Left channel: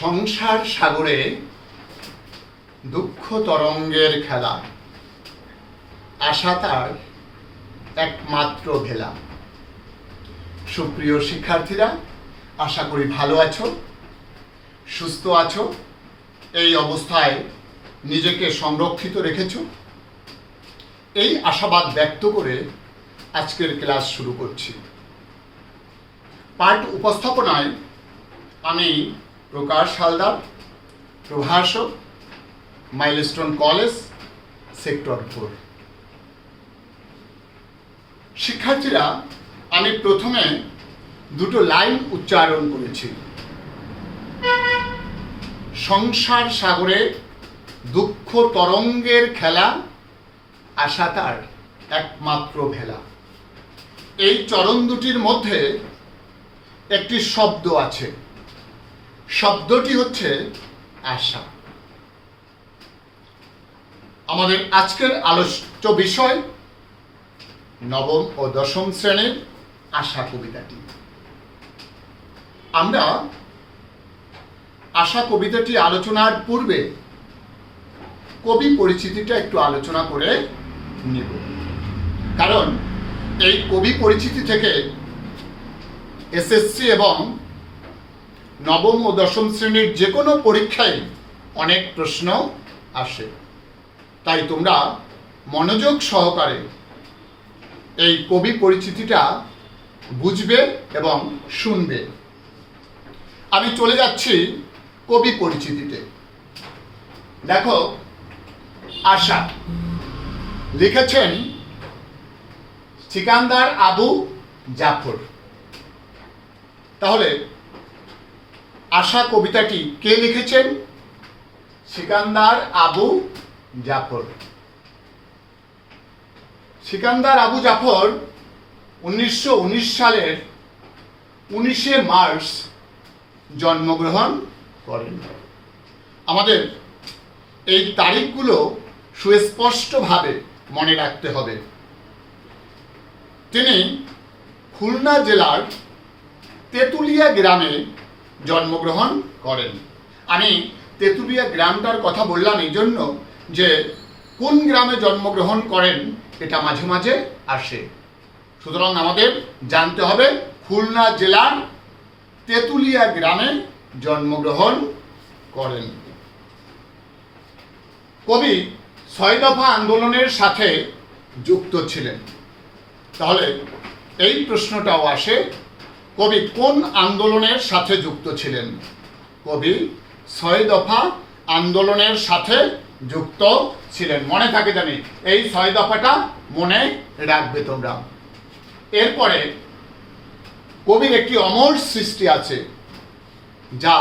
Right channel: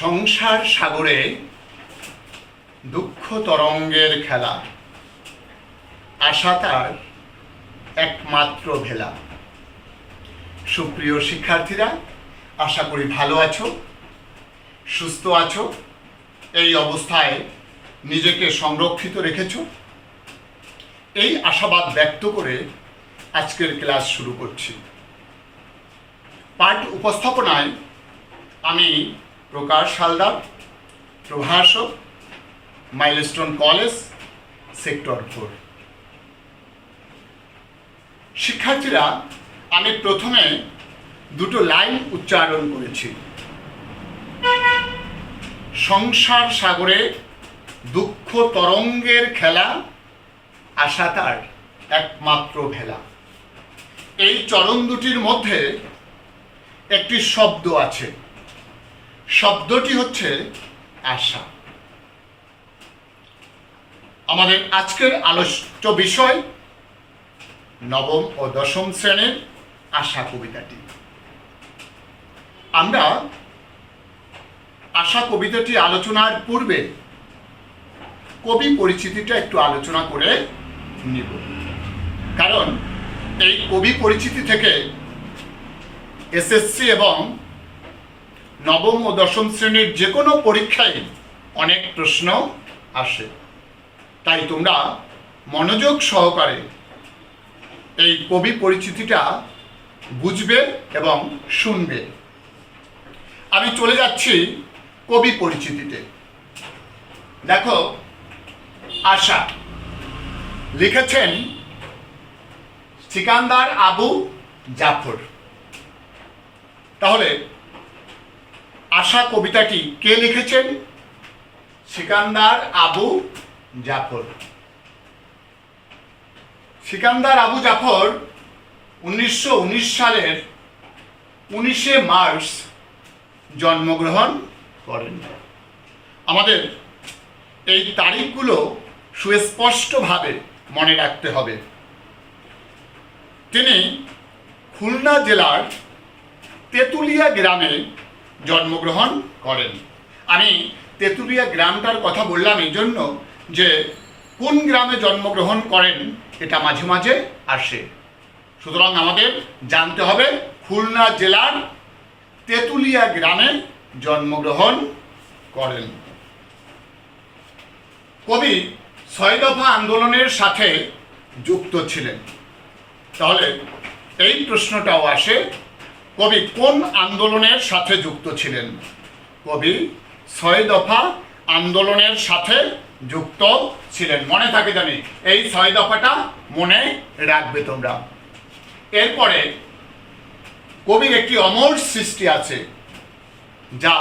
সংসার সাগরে দুঃখ তরঙ্গের খেলা, আশা তার একমাত্র ভেলা। সুপ্রিয় শিক্ষার্থীরা, আশা করি ভালো আছো, সুস্থ আছো, এই অবস্থায় নিজেকে সংরক্ষিত রেখেছ। এই আশাবাদ ব্যক্ত করে আজকের ক্লাস শুরু করছি। পাঠ উপস্থাপনায় আমি প্রকাশ হালদার, প্রভাষক, মাইলস্টোন কলেজ, সেক্টর 4। শিক্ষার্থীরা, আমি প্রথমে দুটো লাইন উচ্চারণ করেছি। সংসার সাগরে দুঃখ তরঙ্গের খেলা, আশা তার একমাত্র ভেলা। এই চরণ দুটির মধ্যে একটি শব্দ আছে, শব্দটি হচ্ছে আশা। আমাদের আজকের আলোচ্য বিষয় নবম ও দশম শ্রেণীর আশা কবিতাটি। আমরা আশা কবিতাটি আলোচনার পূর্বে কবি পরিচিতিটা একটু আলোচনা করে নিব, কারণ এই কবি পরিচিতি থেকে এসএসসি এবং নবম ও দশম শ্রেণীর যে কোনো পরীক্ষায় অনেক প্রশ্ন আসে। তাই তোমরা মনোযোগ সহকারে এই কবি পরিচিতিটা বুঝবে এবং শুনবে। আমি চলে যাচ্ছি কবি পরিচিতিতে। দেখো, আশা লিখেছেন সিকান্দার আবু জাফর। তাহলে আশা কবিতাটি কে লিখেছেন? সিকান্দার আবু জাফর। সিকান্দার আবু জাফর 1919 সালের 19শে মার্চ জন্মগ্রহণ করেন। আমাদের এই তারিখগুলো সুস্পষ্টভাবে মনে রাখতে হবে। তিনি খুলনা জেলার তেঁতুলিয়া গ্রামে জন্মগ্রহণ করেন। আমি তেঁতুলিয়া গ্রামটার কথা বললাম এই জন্য যে কোন গ্রামে জন্মগ্রহণ করেন এটা মাঝে মাঝে আসে। সুতরাং আমাদের জানতে হবে খুলনা জেলার তেঁতুলিয়া গ্রামে জন্মগ্রহণ করেন। কবি 6 দফা আন্দোলনের সাথে যুক্ত ছিলেন। তাহলে এই প্রশ্নটাও আসে, কবি কোন আন্দোলনের সাথে যুক্ত ছিলেন? কবি 6 দফা আন্দোলনের সাথে যুক্ত ছিলেন। মনে থাকে জানি, এই 6 দফাটা মনে রাখবে তোমরা। এরপরে কবির একটি অমর সৃষ্টি আছে যা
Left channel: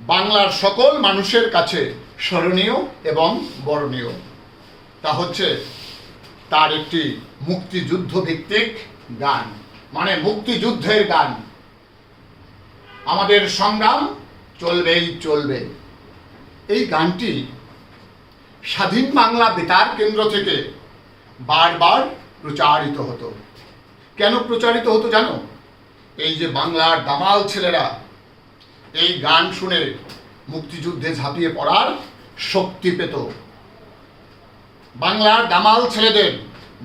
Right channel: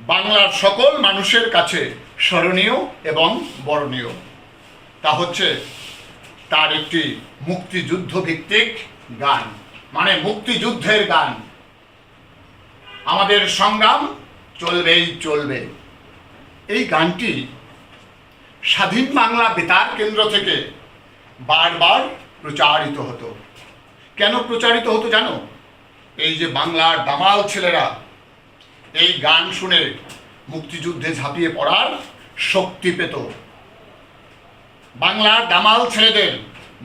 বাংলার সকল মানুষের কাছে স্মরণীয় এবং বরণীয়। তা হচ্ছে তার একটি মুক্তিযুদ্ধ ভিত্তিক গান, মানে মুক্তিযুদ্ধের গান। আমাদের সংগ্রাম চলবেই চলবে। এই গানটি স্বাধীন বাংলা বেতার কেন্দ্র থেকে বারবার প্রচারিত হতো। কেন প্রচারিত হতো জানো? এই যে বাংলার দামাল ছেলেরা এই গান শুনে মুক্তিযুদ্ধে ঝাঁপিয়ে পড়ার শক্তি পেত। বাংলার দামাল ছেলেদের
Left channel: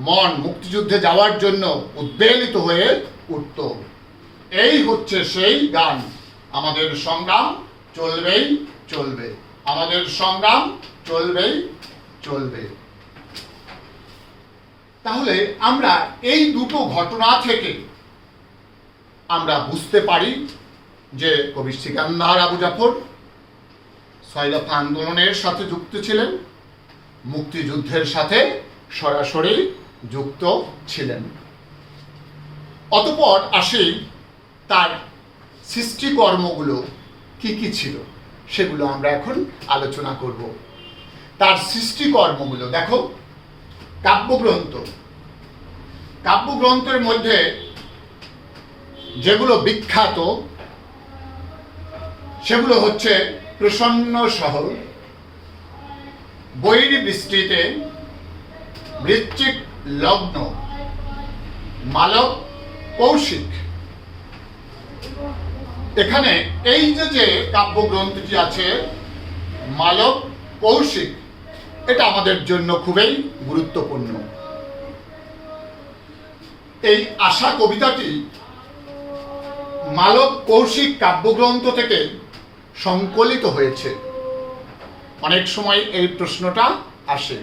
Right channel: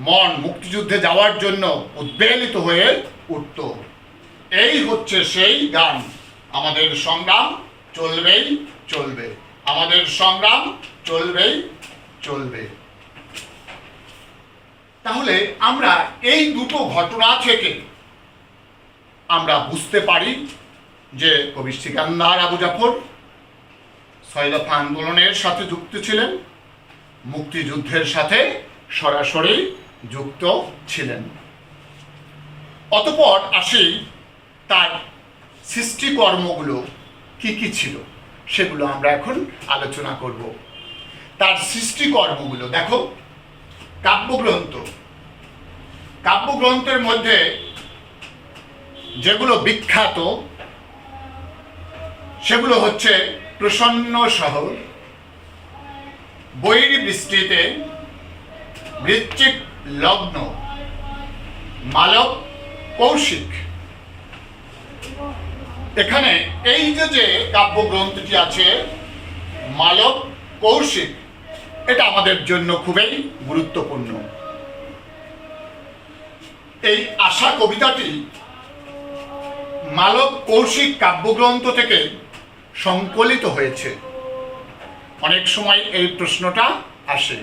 মন মুক্তিযুদ্ধে যাওয়ার জন্য উদ্বেলিত হয়ে উঠত। এই হচ্ছে সেই গান, আমাদের সংগ্রাম চলবেই চলবে, আমাদের সংগ্রাম চলবেই চলবে। তাহলে আমরা এই দুটো ঘটনা থেকে আমরা বুঝতে পারি যে কবি সিকান্দার আবু জাফর 6 দফা আন্দোলনের সাথে যুক্ত ছিলেন, মুক্তিযুদ্ধের সাথে সরাসরি যুক্ত ছিলেন। অতঃপর আসি তার সৃষ্টিকর্মগুলো কি কি ছিল, সেগুলো আমরা এখন আলোচনা করব। তার সৃষ্টিকর্মগুলো দেখো, কাব্যগ্রন্থ, কাব্যগ্রন্থের মধ্যে যেগুলো বিখ্যাত সেগুলো হচ্ছে প্রসন্ন শহর, বৈর বৃষ্টিতে, বৃশ্চিক লগ্ন, মালব কৌশিক, এখানে এই যে কাব্যগ্রন্থটি আছে মালব কৌশিক, এটা আমাদের জন্য খুবই গুরুত্বপূর্ণ। এই আশা কবিতাটি মালব কৌশিক কাব্যগ্রন্থ থেকে সংকলিত হয়েছে। অনেক সময় এই প্রশ্নটা আসে,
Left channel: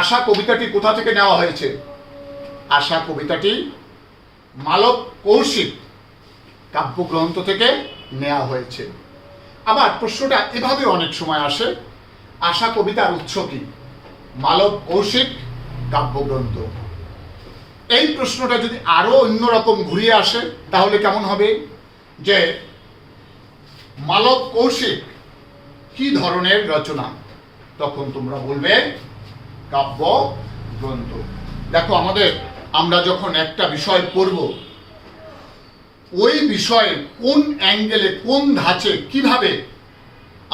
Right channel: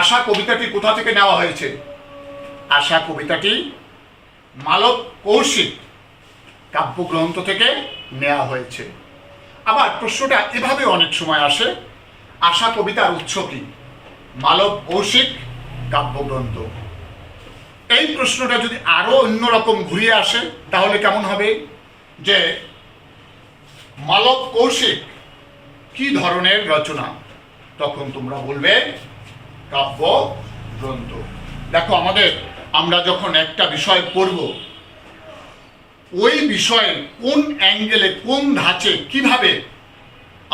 আশা কবিতাটি কোথা থেকে নেওয়া হয়েছে? আশা কবিতাটি মালব কৌশিক কাব্যগ্রন্থ থেকে নেওয়া হয়েছে। আবার প্রশ্নটা এভাবে অনেক সময় আসে, আশা কবিতার উৎস কি? মালব কৌশিক কাব্যগ্রন্থ। এই প্রশ্নটা যদি আরো অন্যরকম ঘুরিয়ে আসে তাহলে কেমন হবে, যে মালব কৌশিক কি ধরনের রচনা? তখন তোমরা বলবে কাব্য গ্রন্থ। দেখো, আমরা যখন একটা বিষয় পড়ব, ওই বিষয়ে কোন অ্যাঙ্গেলে, কোন ধাঁচে, কিভাবে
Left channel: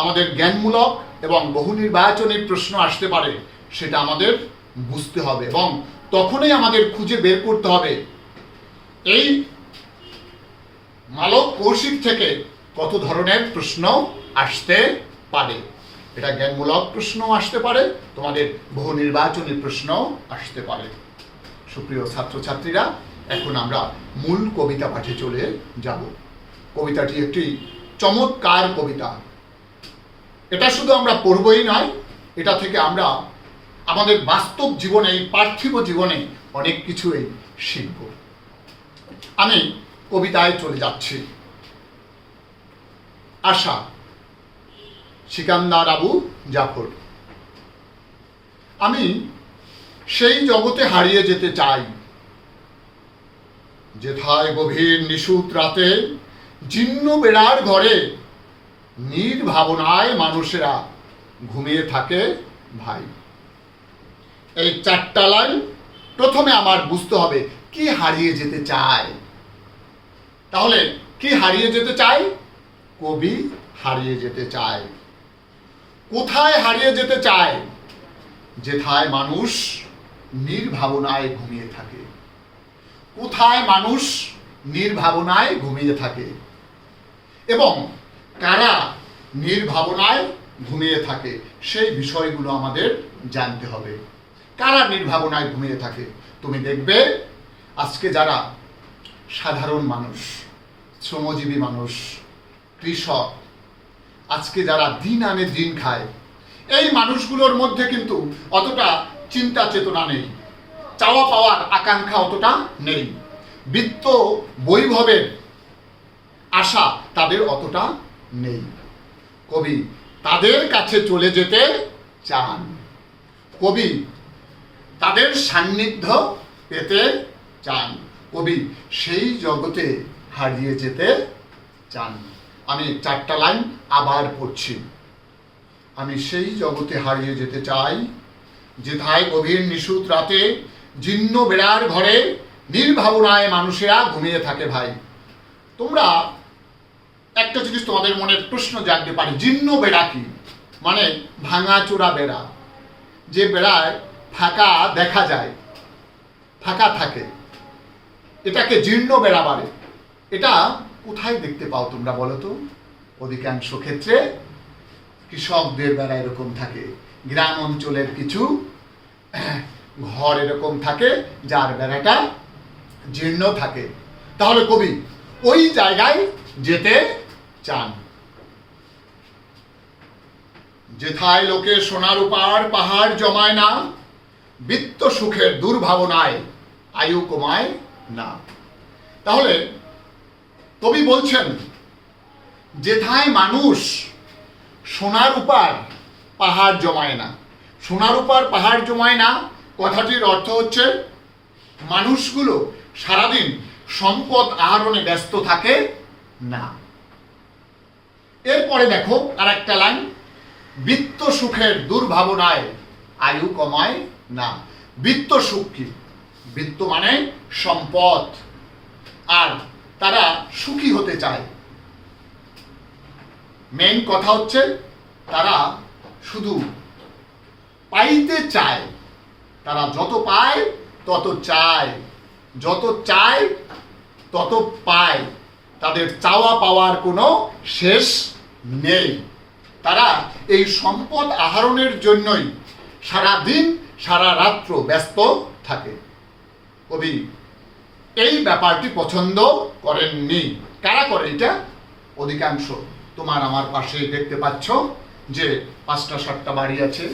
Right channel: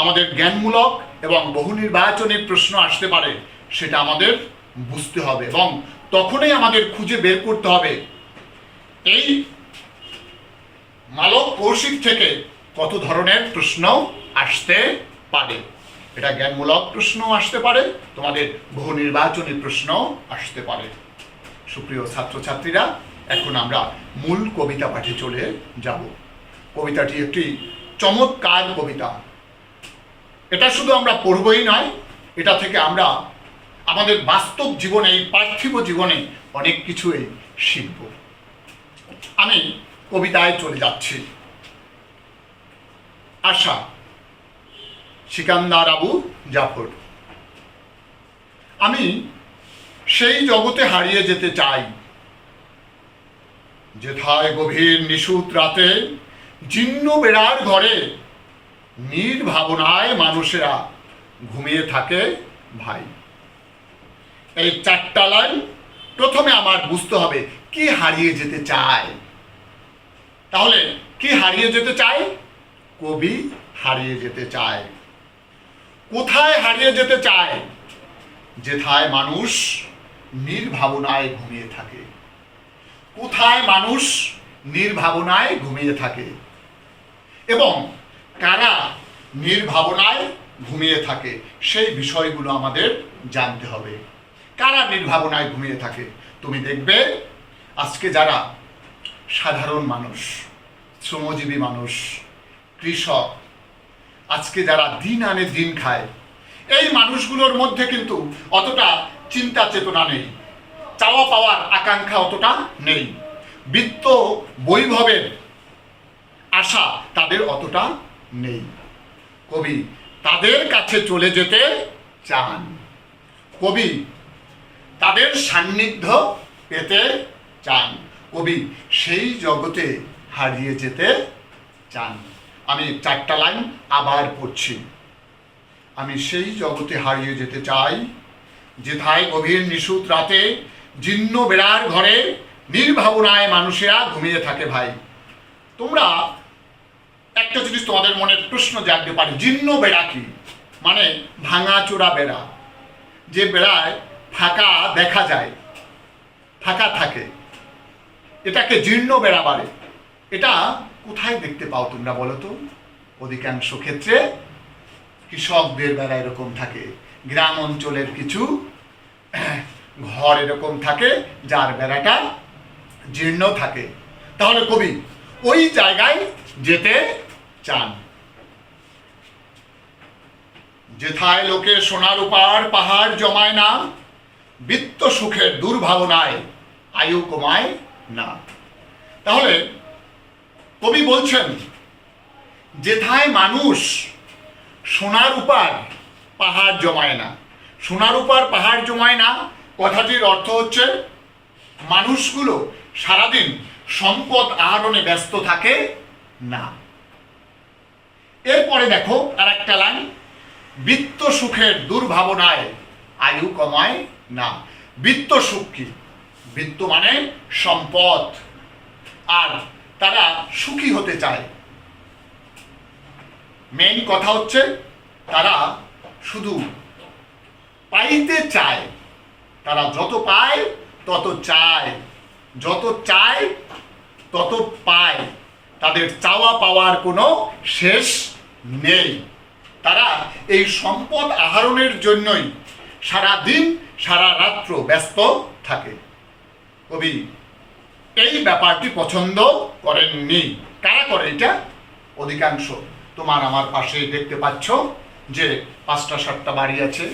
আমাদের জ্ঞানমূলক এবং বহু নির্বাচনী প্রশ্ন আসতে পারে সেটা আমাদের বুঝতে হবে, এবং তখনই আমাদের খুঁজে বের করতে হবে এই মালব কৌশিক থেকে কত ধরনের প্রশ্ন আসতে পারে। এটা জ্ঞানমূলক প্রশ্ন আসতে পারে, তোমাদের বহু নির্বাচনী প্রশ্ন আসতে পারে। সুপ্রিয় ছাত্রছাত্রীরা, এখন আমরা মূল কবিতা পাঠে চলে যাব। কবিতাটি একটি চমৎকার কবিতা। এটা শুধু আমরা পড়বই নয়, এটা থেকে আমরা আমাদের বাস্তব জীবনে, পার্থিব জীবনে অনেক কিছুই শিখব। আমি কবিতায় চলে যাচ্ছি। আশা, সিকান্দার আবু জাফর। আমি সেই জগতে হারিয়ে যেতে চাই, যেথায় গভীর নিশুত রাতে জীর্ণ বেড়ার ঘরে নির্ভাবনায় মানুষেরা ঘুমিয়ে থাকে ভাই। এই চারটা লাইন প্রথমে আমার বুঝতে হবে কি হারিয়ে যেতে চায়। তাহলে কি হারিয়ে যেতে চায়? কবি হারিয়ে যেতে চায়। কোথায় হারিয়ে যেতে চায়? যেথায় মানুষ নির্ভাবনায় ঘুমিয়ে থাকে। কোথায় মানুষ নির্ভাবনায় ঘুমিয়ে থাকে এবং কারা নির্ভাবনায় ঘুমিয়ে থাকে সেই বিষয়গুলো আমাদের জানতে হবে। কারা নির্ভাবনায় ঘুমিয়ে থাকে? তুমি দেখবে আজকে যারা সাধারণ মানুষ, শ্রমজীবী মানুষ, কৃষক, আজকে যারা দিন আনে দিন খায়, এই মানুষগুলোর মধ্যে কিন্তু অতটা চিন্তা চেতনা নেই, চাওয়া পাওয়ার আকাঙ্ক্ষা অতটা নেই, বিত্ত বৈভবের আশা তাদের অতটা নেই। কবি তাদের কাছে চলে যেতে চান, কবি তাদের সান্নিধ্য পেতে চান, কবি সেই জগতে হারিয়ে যেতে চান। আমি চারটা লাইন আবার পড়ছি। আমি সেই জগতে হারিয়ে যেতে চাই, যেথায় গভীর নিশুত রাতে জীর্ণ বেড়ার ঘরে নির্ভাবনায় মানুষেরা ঘুমিয়ে থাকে ভাই। তোমরা একটা জিনিস তোমাদের মনে প্রশ্ন জাগতে পারে, জীর্ণ বেড়া কি? মানে ভাঙাচোরা বেড়া, যে বেড়ায় ফাঁকা দেখা যায়, ফাঁকা থাকে, এটাকে জীর্ণ বেড়া বলে। এটা কোথায় দেখতে পাও তোমরা বলো তো? অধিকাংশ ক্ষেত্রে কৃষকদের বেড়া এরকম থাকে, গ্রাম অঞ্চলের কিছু ঘর এরকম থাকে যার বেড়াটা জীর্ণ থাকে। তাহলে কবি ওই জায়গায় যেতে চান। যেথায় লোকে সোনার উপার পাহাড় জমায় না, বিত্ত সুখের দুর্ভাবনায় আয়ু কমায় না। তাহলে কবি বলছেন যেথায় মানুষ সোনার উপার পাহাড় জমায় না। সোনার উপার পাহাড় জমায় না কথাটির অর্থ হচ্ছে মানুষগুলো সারাদিন সম্পদ আহরণে ব্যস্ত থাকে না। এরপরে দেখো আর একটা লাইন, বিত্ত সুখের দুর্ভাবনায় আয়ু কমায় না। বিত্ত সুখ কি? বিত্ত মানে সম্পদ, আর তারা সুখী হতে চায়। মেইন কথা হচ্ছে তারা শুধু পাইতে চায়, তারা যত পায় তত চায়, যত চায় তত পায়, তাদের চাওয়া পাওয়ার কোনো শেষ নেই। তারা এই সম্পদ আহরণের জন্যই সারা দিন সারা রাত্র ব্যস্ত থাকে। কবি এই ব্যাপারটি পছন্দ করেননি। কারা করে এটা? অধিকাংশ। তোমার আমার পাশে দেখতে পাচ্ছ যে 5টা 7টা বাড়ি আছে,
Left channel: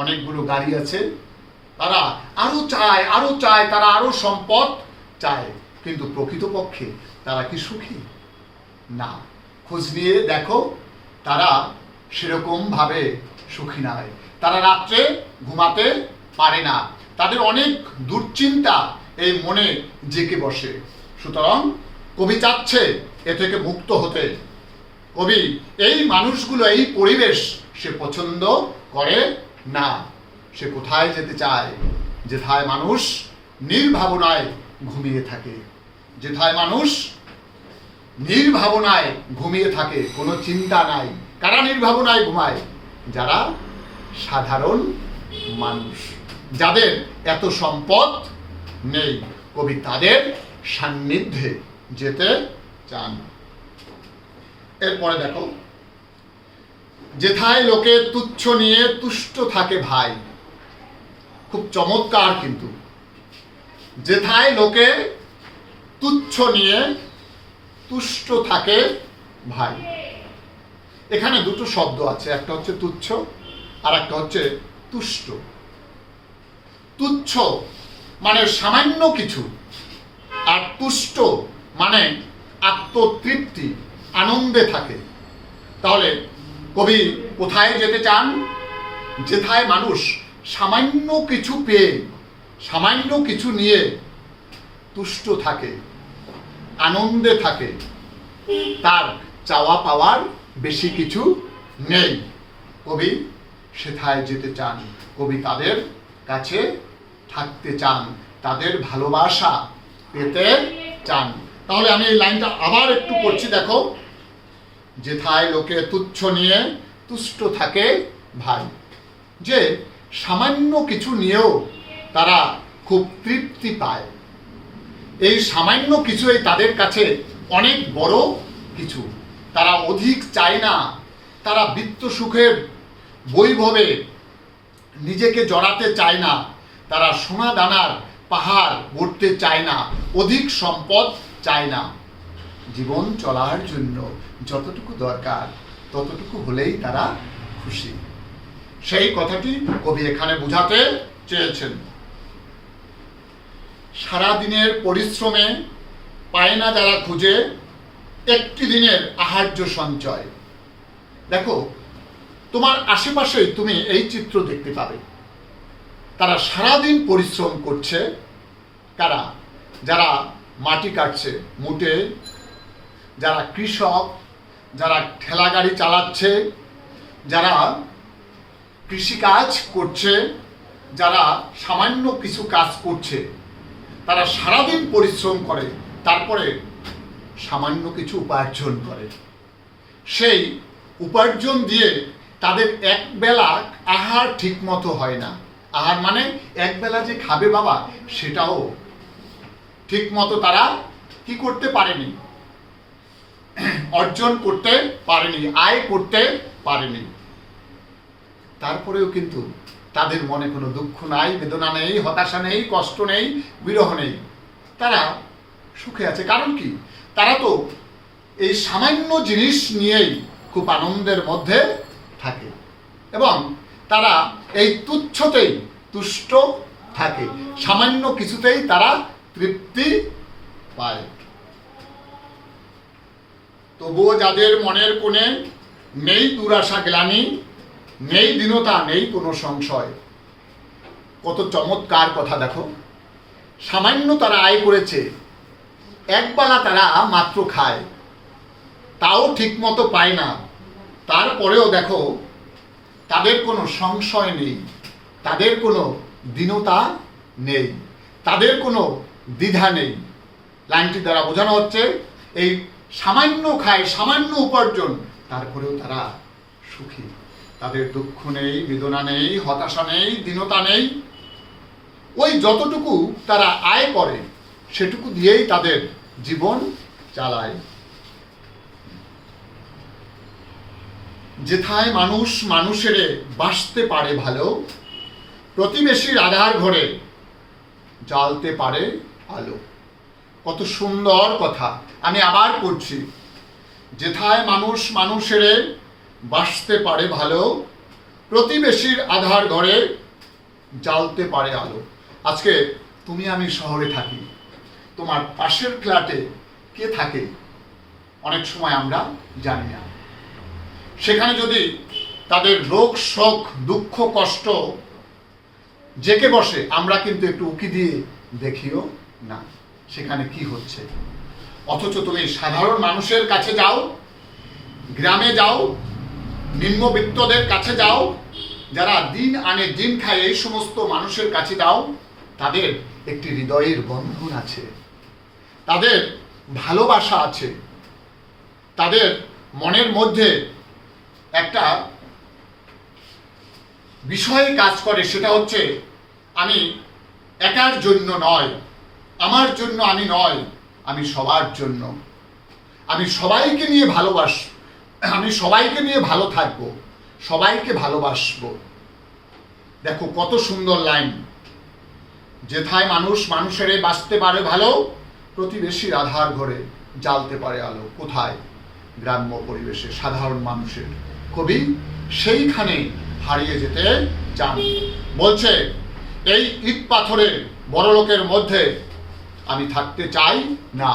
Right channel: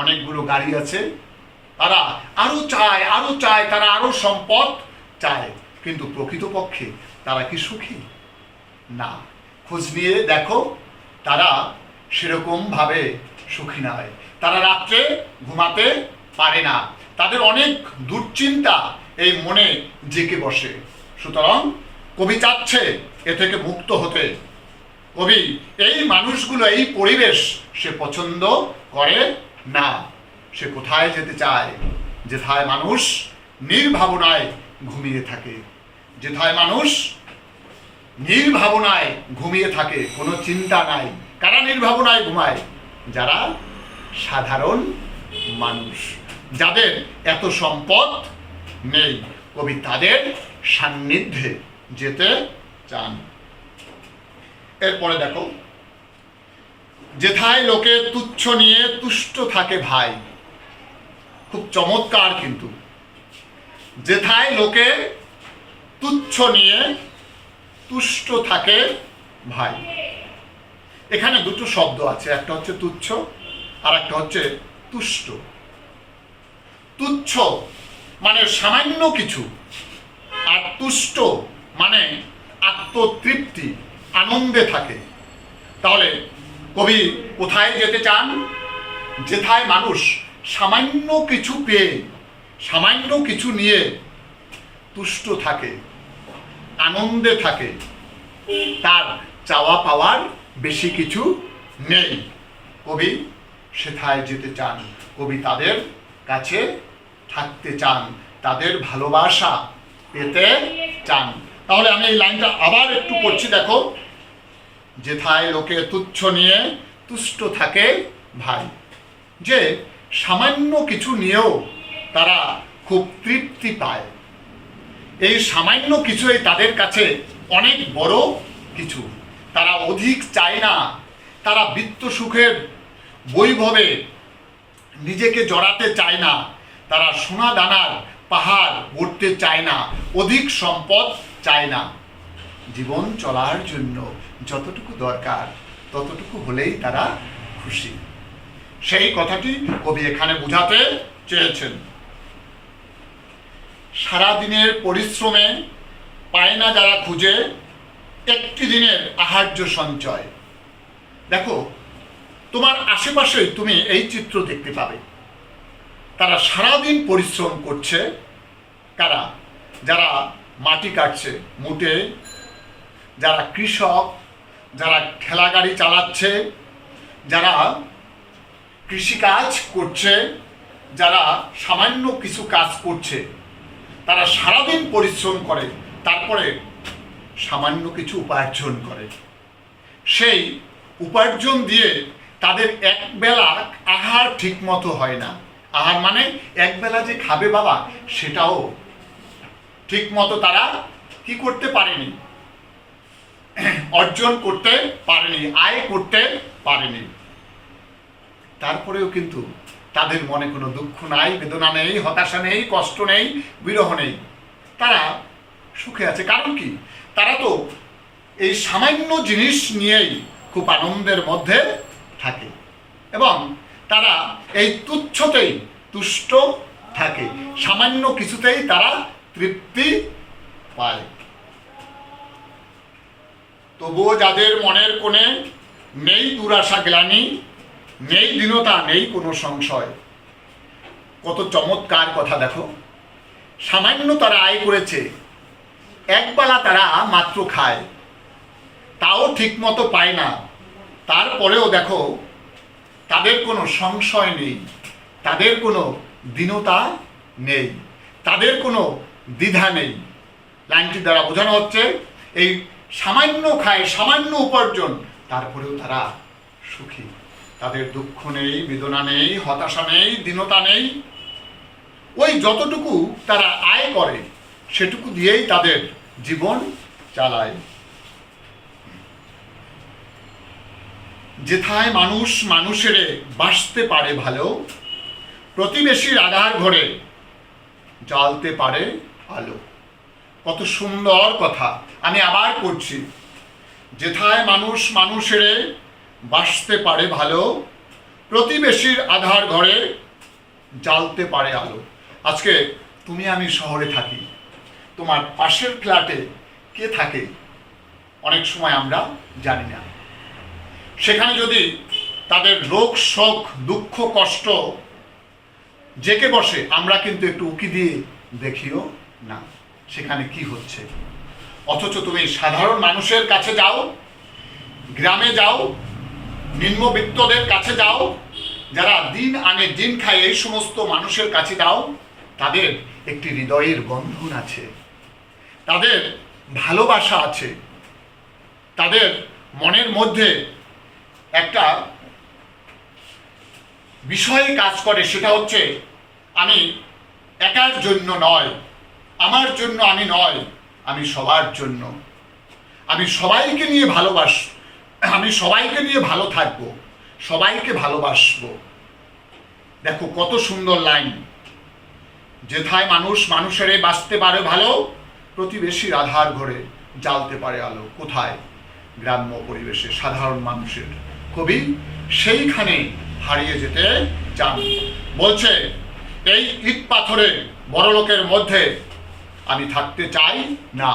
অনেকগুলো গাড়ি আছে। তারা আরো চায়, তারা আরো সম্পদ চায়, কিন্তু প্রকৃতপক্ষে তারা কি সুখী? না। খোঁজ নিয়ে দেখো, তারা সেরকম ভাবে সুখী নয়। তারা রাত্রে ঘুমাতে পারে না, তাদের অনেক দুশ্চিন্তা এই মনে জেঁকে বসে। সুতরাং কবি চাচ্ছে এ থেকে মুক্ত হতে। কবি এই মানুষগুলো, এই পরিবেশ সে পছন্দ করে না। সে কোথায় যেতে চায়? যেথায় মানুষ নির্ভাবনায় ঘুমিয়ে থাকে, যেথায় মানুষ নির্ভাবনায় ঘুমিয়ে থাকে, কোনো চিন্তা নাই। কারা নির্ভাবনায় ঘুমায়? যারা সাধারণ মানুষ, যাদের এত সম্পদ নেই। কবি তাদের সান্নিধ্যে যেতে চান। এরপরে দেখো, যেথায় লোকে তুচ্ছ নিয়ে তুষ্ট থাকে ভাই। খুব চমৎকার কিন্তু। যেথায় লোকে তুচ্ছ নিয়ে তুষ্ট থাকে ভাই। এখানে দুটো শব্দ আছে, একটা হচ্ছে তুচ্ছ আর একটা হচ্ছে তুষ্ট। তুচ্ছ মানে সামান্য কিছু, আর তুষ্ট মানে আত্মতৃপ্তি, আনন্দে থাকে। তাহলে কবি কোথায় যেতে চান? যেথায় মানুষ সামান্য কিছু পেয়ে, সামান্য কিছু নিয়ে তুষ্ট থাকে, আনন্দে থাকে, তার চাওয়া পাওয়ার বেশি কিছু নেই। কবি সেথায় যেতে চান। কবি তাদের কাছে থাকতে চান, তাদের ভালোবাসা পেতে চান। তাহলে আমি এই লাইনটা আবার একটু পড়ছি, দেখো। যেথায় লোকে তুচ্ছ নিয়ে তুষ্ট থাকে ভাই। যে সামান্য কিছু নিয়েও তারা খুব তৃপ্তি পায়। এই সামান্য কিছুই তাদের কাছে অনেক বড় কিছু। তারা অধিক চায় না, তারা বিত্ত সুখের বৈভবে নিজেকে জড়াতে চায় না, তারা সোনা দানার পাহাড় গড়তে চায় না, অধিক সম্পদ চায় না। জীবন চলার জন্য যতটুকু দরকার ততটুকু হলেই তারা খুশি। সেই কথাটি কবি এখানে বোঝাতে চেয়েছেন। সারাদিনের পরিশ্রমে পায় না যারা খুঁজে একটি দিনের আহার্য সঞ্চয়। দেখো, তোমার আশেপাশেই তুমি এই চিত্র দেখতে পাবে। তারা সারাদিন পরিশ্রম করছে। কারা? যারা মাটি কাটছে মুটে, যারা কৃষক, যারা ঠেলা গাড়ি চালাচ্ছে, যারা কৃষিকাজ করছে, যারা সামান্য কিছু কাজ করছে, তারা সারাদিন পরিশ্রম করে, তারপরে সামান্য কিছু উপার্জন করে। সেই উপার্জন দিয়ে তাদের একবেলা আহার ঠিক মতো হয় না। আহার মানে একবেলা যে খাবে বাবা, সেটাও ঠিক মতো তারা কি করতে পারেনি, অর্জন করতে পারেনি, আয় করতে পারেনি। তারপরেও কিন্তু তাদের মনে কোনো দুঃখ নাই, বেদনা নেই, হতাশা নেই, কষ্ট নেই, বিরহ নেই। তারা সুখে আছে। কারণ কি? তারা তো এই সামান্য জিনিস নিয়েই খুব আনন্দের মধ্যে থাকে, এবং তারা এই তুচ্ছতেই তুষ্ট থাকে, সামান্য কিছুতেই তারা তৃপ্তি পায়। তবুও যাদের মনের কোণে নেই দুরাশা গ্লানি, নেই দীনতা, নেই কোনো সংশয়। কত চমৎকার কথা দেখো। সামান্য তারা আয় করেছে, একবেলা তারা মাত্র খায়, তাও ঠিক মতো পায় না। তারপরেও দেখো, তাদের কোনো সংশয় নেই, তাদের কোনো দীনতা নেই, তাদের কোনো দ্বিধা নেই। লাইনটি দ্বারা বোঝানো হচ্ছে এই সামান্য খায়, সামান্য উপার্জন, তারপরেও তারা সুখী। তাদের দুঃখ নেই, বেদনা নেই, হতাশা নেই, দীনতা নেই। ওই যতটুকু তারা আয় করে সেটুকু দিয়েই তাদের জীবন চালায়। যেথায় মানুষ মানুষেরে বাসতে পারে ভালো, প্রতিবেশীর আধার ঘরে জ্বালতে পারে আলো। কত সুন্দর কথা। আমি আবার পড়ছি, যেথায় মানুষ মানুষেরে বাসতে পারে ভালো, প্রতিবেশীর আধার ঘরে জ্বালতে পারে আলো। আজকে তুমি আমি শহরে থাকি, তোমার পাশের ফ্ল্যাটে কে থাকে অনেক সময় আমরা জানি না। সেখানে যদি তাদের রোগ শোক দুঃখ কষ্ট জেকে বসে, আমরা কিন্তু একটু উকি দিয়ে দেখিও না সেখানে কি হচ্ছে। অথচ তুমি সাধারণ মানুষের কাছে যাও, গ্রামে যাও, নিম্নবিত্তদের কাছে যাও, যারা দিন আনে দিন খায়, এই সমস্ত মানুষের কাছে যাও, তাদের একটি হৃদয়ের বন্ধন আছে, তাদের ভালোবাসা আছে, তাদের মনের মধ্যে একটা বিষয় কাজ করে, সেটা হচ্ছে আমি একার জন্য নয়, আমার জন্য আমি নয়, আমি সবার জন্য, আমি সবাইকে নিয়ে আমি সবাইকে নিয়ে ভালো থাকবো, সবাইকে ভালোবাসবো। দেখো কত সুন্দর লাইন, যেথায় মানুষ মানুষেরে বাঁচতে পারে ভালো, প্রতিবেশীর আধার ঘরে জ্বালতে পারে আলো। কোথায়? গ্রাম্য পরিবেশে, সাধারণ মানুষের। কবি সেইখানে হারিয়ে যেতে চান। বলছে, এই ইট পাথরে বড়লোকের মধ্যে আমি থাকতে চাই না,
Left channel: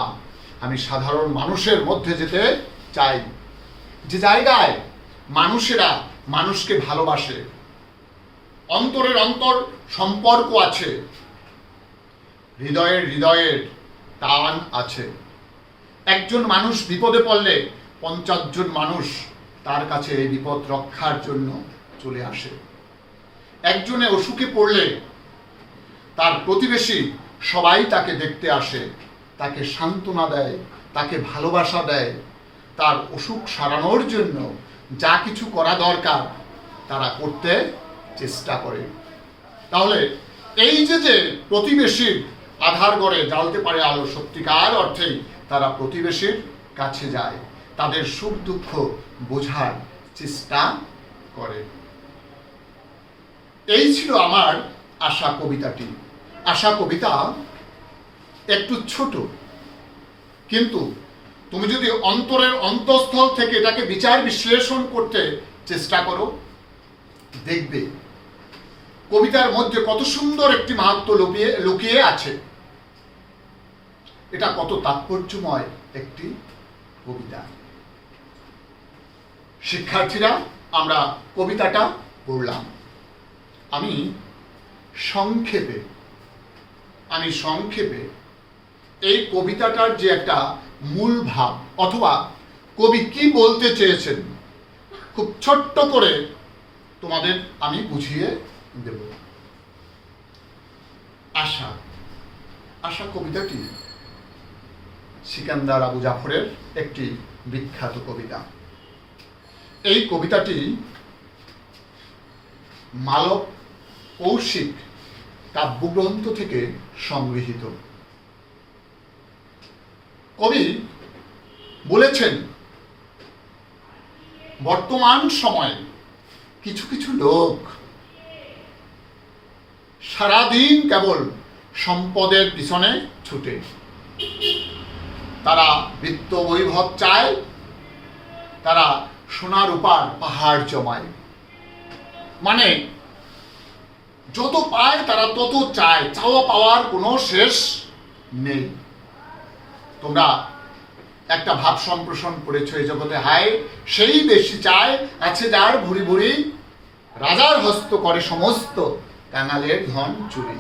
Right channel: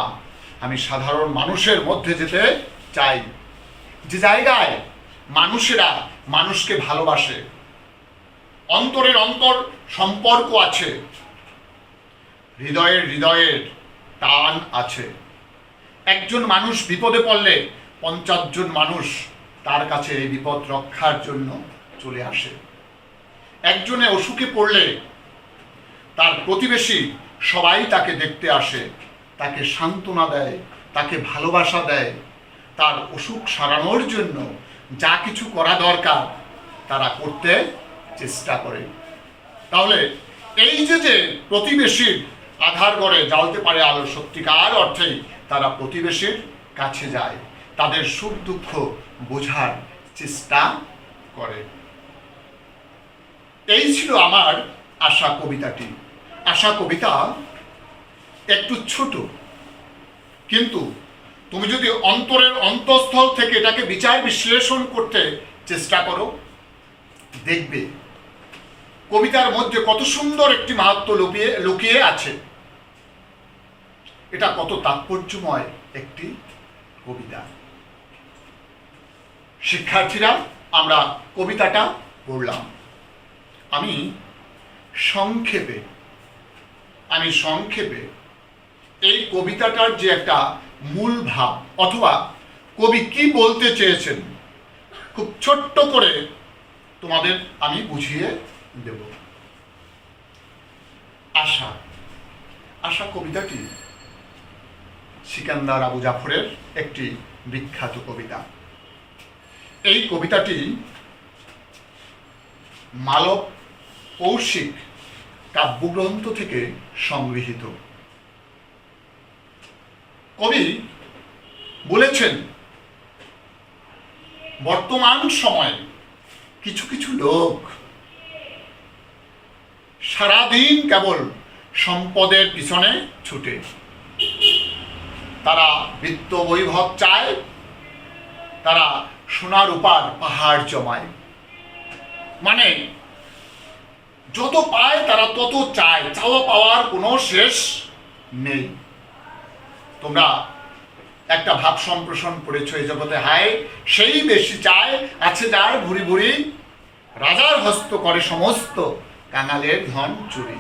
আমি সাধারণ মানুষের মধ্যে যেতে চাই, যে জায়গায় মানুষেরা মানুষকে ভালোবাসে, অন্তরের অন্তর সম্পর্ক আছে, হৃদয়ের টান আছে। একজন মানুষ বিপদে পড়লে 50 জন মানুষ তার কাছে এই বিপদ রক্ষার জন্য চলে আসে। একজনে অসুখে পড়লে তার প্রতিবেশী সবাই তাকে দেখতে আসে, তাকে সান্ত্বনা দেয়, তাকে ভালোবাসা দেয়, তার অসুখ সারানোর জন্য যা কিছু করা দরকার তারা করতে চেষ্টা করে। তাহলে এই যে প্রতিবেশীর আধার ঘরে জ্বালতে পারে আলো, সত্যিকার অর্থেই তারা প্রতিবেশীর কাছে যায়, তাদের সুখ দুঃখ বোঝার চেষ্টা করে। এই ছিল আমার আশা কবিতাটি। আশা কবিতা একটু ছোট, কিন্তু তুমি যদি অন্তরের অন্তঃস্থল থেকে এটাকে বিচার বিশ্লেষণ করতে চেষ্টা করো, দেখবে কবিতার মধ্যে কত সুন্দর একটি মাহাত্ম্য লুকিয়ে আছে। এটা কত তাৎপর্যময় একটি কবিতা। শিক্ষার্থীরা, আমরা কবিতাটা পড়লাম। আমি সংক্ষেপে এই কবিতাটার যে একটা মূল ভাব অথবা কবি কি বলতে চেয়েছেন খুব ছোট্ট করে তোমাদের আমি বুঝিয়ে দেব। আশা কবিতাটি সিকান্দার আবু জাফরের একটি বিখ্যাত কবিতা। এই কবিতাটি মালব কৌশিক কাব্যগ্রন্থ থেকে সংগৃহীত। কবি বলেছেন, বর্তমান সময়ে কিছু কিছু লোক সারাদিন কেবল সম্পদের পিছনে ছুটে, তারা বিত্ত বৈভব চায়, তারা সোনা রূপার পাহাড় জমায়, মানে যত পায় তারা তত চায়, চাওয়া পাওয়ার কোনো শেষ নেই। তোমরা একটা ভাব সম্প্রসারণ পড়েছ এই জগতে, হায় সেই বেশি চায়, আছে যার ভুরি ভুরি, রাজার হস্ত করে সমস্ত কাঙালের ধন চুরি।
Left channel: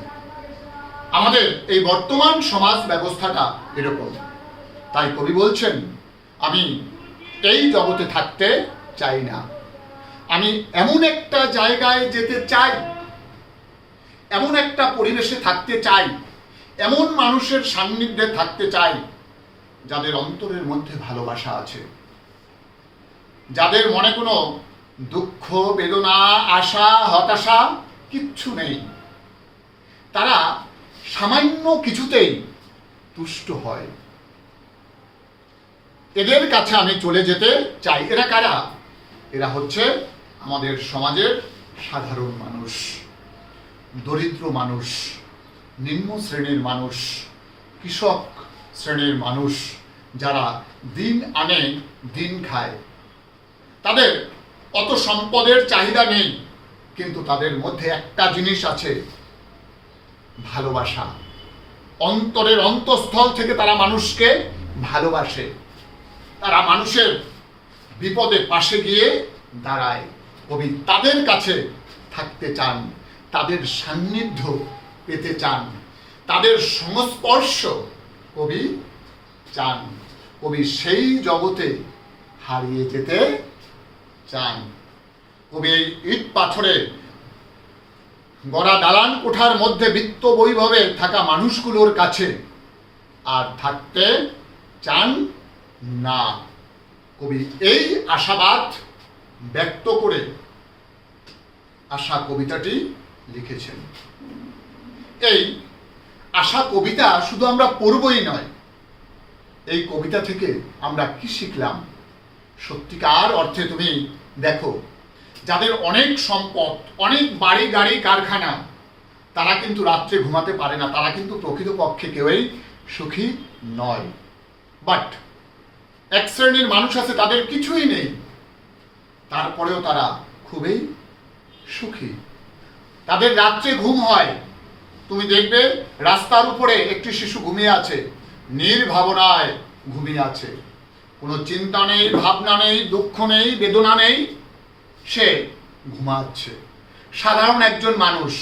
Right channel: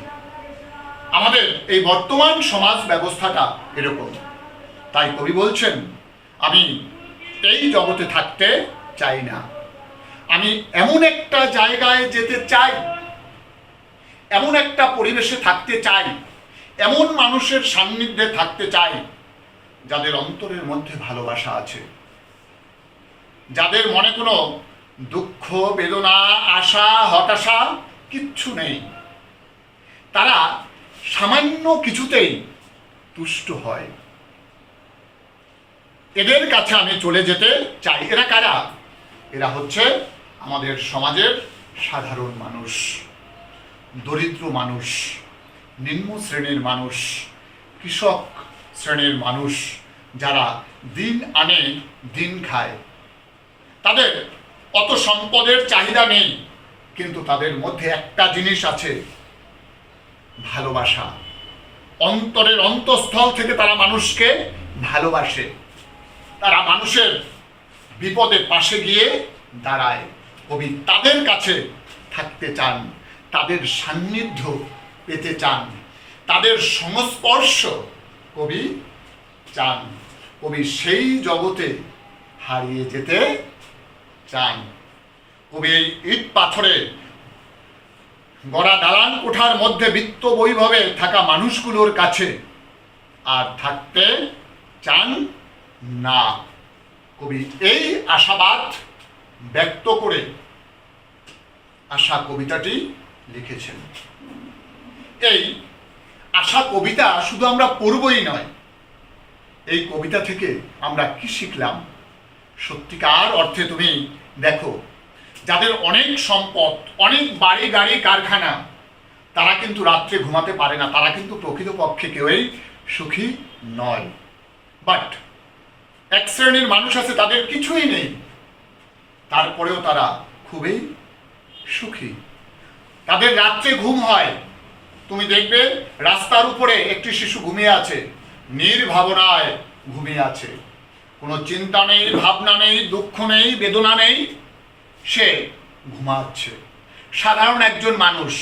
আমাদের এই বর্তমান সমাজ ব্যবস্থাটা এরকম। তাই কবি বলছেন, আমি এই জগতে থাকতে চাই না, আমি এমন একটা জায়গায় যেতে চাই, এমন একটা পরিবেশে থাকতে চাই, এমন মানুষের সান্নিধ্যে থাকতে চাই যাদের অন্তরের মধ্যে ভালোবাসা আছে, যাদের মনে কোনো দুঃখ বেদনা আশা হতাশা কিচ্ছু নেই, তারা সামান্য কিছুতেই তুষ্ট হয়। এদের কাছে আমি চলে যেতে চাই। এরা কারা? এরা হচ্ছে আমাদের সমাজের সাধারণ মানুষ, দরিদ্র মানুষ, নিম্ন শ্রেণীর মানুষ, কৃষক শ্রেণীর মানুষ, যারা দিন আনে দিন খায়। তাদের অত সম্পদের চাহিদা নেই, কিন্তু তাদের মধ্যে একটা জিনিস আছে, ভালোবাসা। অন্তরের অন্তঃস্থল থেকে তারা মানুষকে ভালোবাসে। তারা মানুষের বিপদে পাশে গিয়ে দাঁড়ায়। কবি তাদের কাছে থাকতে চান, তাদের সান্নিধ্য পেতে চান, তাদের সংস্পর্শ কবি চান। কবি সেই জগতে হারিয়ে যেতে চান। কবি এই ইট পাথরে গড়া দালান কোঠার মধ্যে বিত্ত বৈভবে থাকা মানুষগুলোর কাছে আর থাকতে চান না। কবি এই আশাবাদ ব্যক্ত করে আশা কবিতাটি লিখেছেন। এই আশা কবিতা শুধু আমরা পড়বই নয়, এই কবিতা থেকে আমরা কি শিখলাম? সত্যিকার অর্থে তুমি দেখো, যাদের অনেক সম্পদ, অনেক বাড়ি গাড়ি কারখানা, তারা কিন্তু রাত্রে ঘুমাতে পারে না, তারা কিন্তু প্রকৃতপক্ষে কেউই সুখী নয়। বাট এক শ্রেণীর মানুষ আছে, তাদের কিছুই নেই, তারপরেও তারা খুবই সুখী। তাদের রাত্রে ঘুম হয়। তুমি দেখবে রাস্তার উপরে একটি শিশু ঘুমিয়ে আছে, নির্ভাবনায় ঘুমিয়ে আছে, কোনো চিন্তা নেই, ভাবনা নেই, দুঃখ নেই, বেদনা নেই, সে ঘুমাচ্ছে। সাধারণ একজন মানুষ,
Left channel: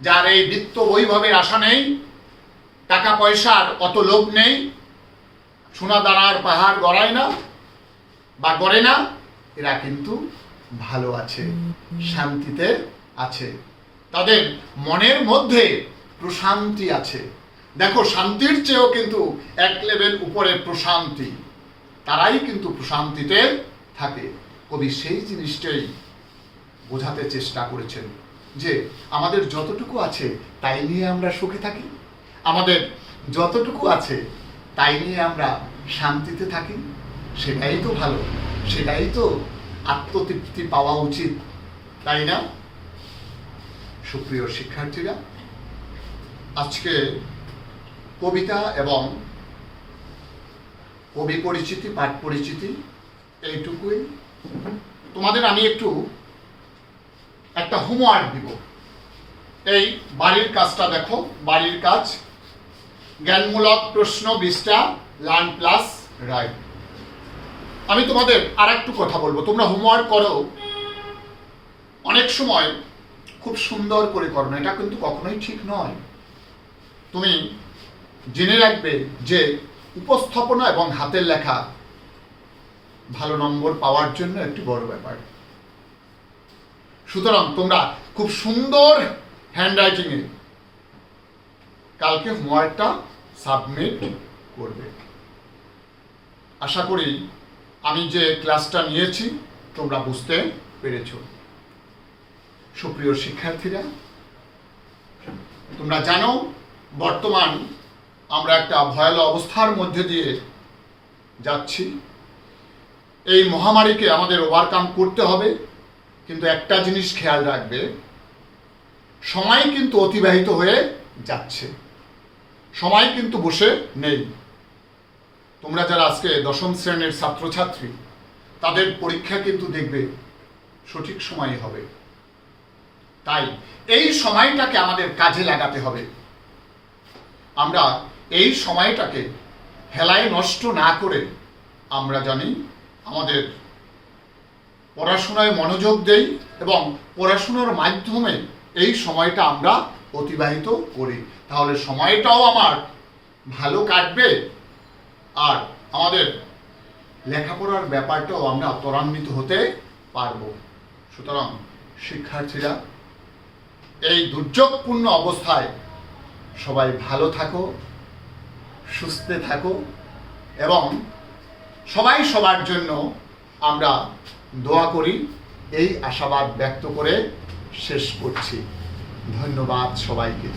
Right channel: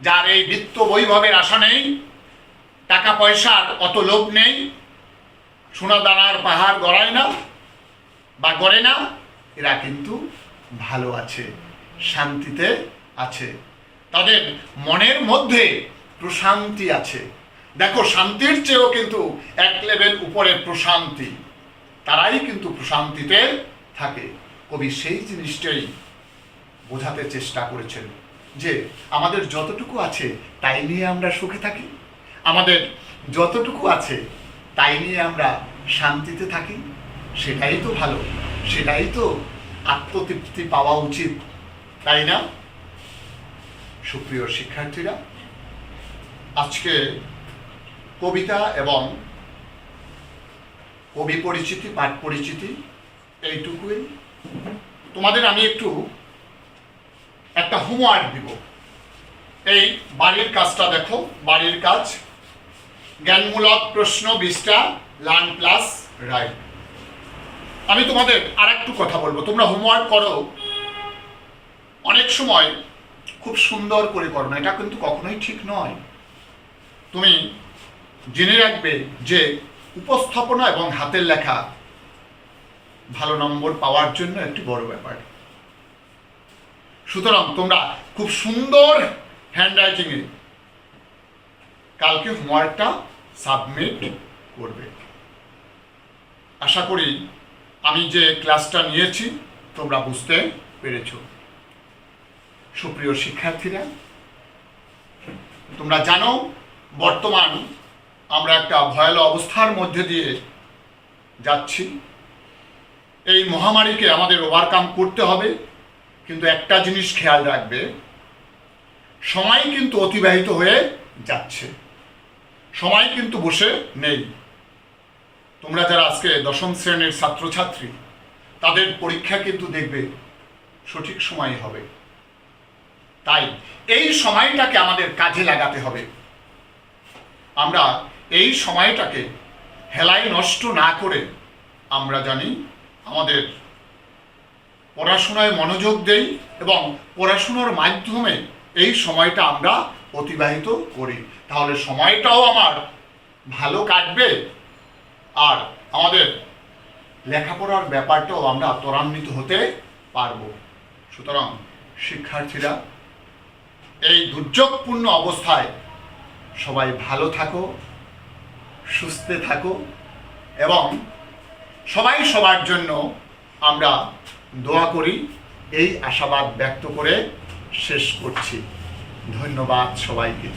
যার এই বিত্ত বৈভবের আশা নেই, টাকা পয়সার অত লোভ নেই, সোনা দানার পাহাড় গড়ায় না বা গড়ে না, এরা কিন্তু ভালো আছে, শান্তিতে আছে। তাদের মনের মধ্যে প্রশান্তি আছে। দেখো, শান্তির চেয়েও কিন্তু এক লেভেল উপরে প্রশান্তি, তারাই কিন্তু প্রশান্তিতে থাকে। কবি সেই জিনিসটাই বোঝাতে চেষ্টা করেছেন যে আমাদের যতটুকু আছে তাই নিয়ে আমরা সুখে থাকি, আমাদের যতটুকু আছে তাই নিয়ে আমরা শান্তিতে থাকি। সেটাই তো ভালো, সেটাই তো আত্মতৃপ্তি পাওয়া উচিত, তাই না? সুপ্রিয় শিক্ষার্থীরা, আজকে কবিতা এবং কবি পরিচিতি, পাঠ পরিচিতি এইটুকুই। তোমাদের আমি একটা হোমওয়ার্ক দিব। এই বাড়ির কাজটা দেখো, বাড়ির কাজ, জ্ঞানমূলক প্রশ্ন 20টা, লার্ন প্লাস রাইট। আমি তোমাদের আর একটু কথা বলবো, তোমরা হোমওয়ার্ক করো, অনেক সময় খুব সুন্দর করে করো না, এটা কিন্তু কখনোই ঠিক নয়। তুমি জেনে রাখবে যে উপস্থাপনা এবং হাতের লেখা ভালো নম্বর পাওয়ার জন্য একটি বড় ব্যাপার। সুতরাং তোমরা খুব সুন্দর হ্যান্ডরাইটিংয়ে কালকে হোমওয়ার্কটা সাবমিট করবে। আশা করি আমি যে ক্লাসটা নিয়েছি তোমরা বুঝতে পেরেছ। সুপ্রিয় শিক্ষার্থীরা, তোমরা জানো বর্তমান আমরা একটা ভয়াবহ অবস্থার মধ্যে দিয়ে যাচ্ছি। এই মহামারীকে আমাদের ওভারকাম করতে হবে, কিন্তু একটা জিনিস খেয়াল রাখবে, সময় কিন্তু অতিবাহিত হয়ে যাচ্ছে, সময় কিন্তু বসে নেই। তোমরা যারা আজকে 10ম শ্রেণীর ছাত্রছাত্রী, তাদের পরীক্ষা কিন্তু দেখবে সঠিক সময় হবে। তাই এই সময়টাকে আমাদের কাজে লাগাতে হবে। আমরা এই সময়টাকে হেলায় নষ্ট না করে আমরা জানি আমাদের পড়াশোনায় মনোযোগ দেই এবং পড়াশোনার মাধ্যমে এই সময়টা আমরা অতিবাহিত করি, তাহলে সময়টাও আমার ভালো কাটবে আর আমাদের লেখাপড়ার ব্যাপারটাও আমরা ত্বরান্বিত হতে পারবো। সুতরাং শিক্ষার্থীরা, এই দুর্যোগপূর্ণ অবস্থায় সবাই ভালো থাকো, সুস্থ থাকো এবং সবাই সবার জন্য আমরা দোয়া করি, এই আশাবাদ ব্যক্ত করে শেষ করছি। ধন্যবাদ সবাইকে।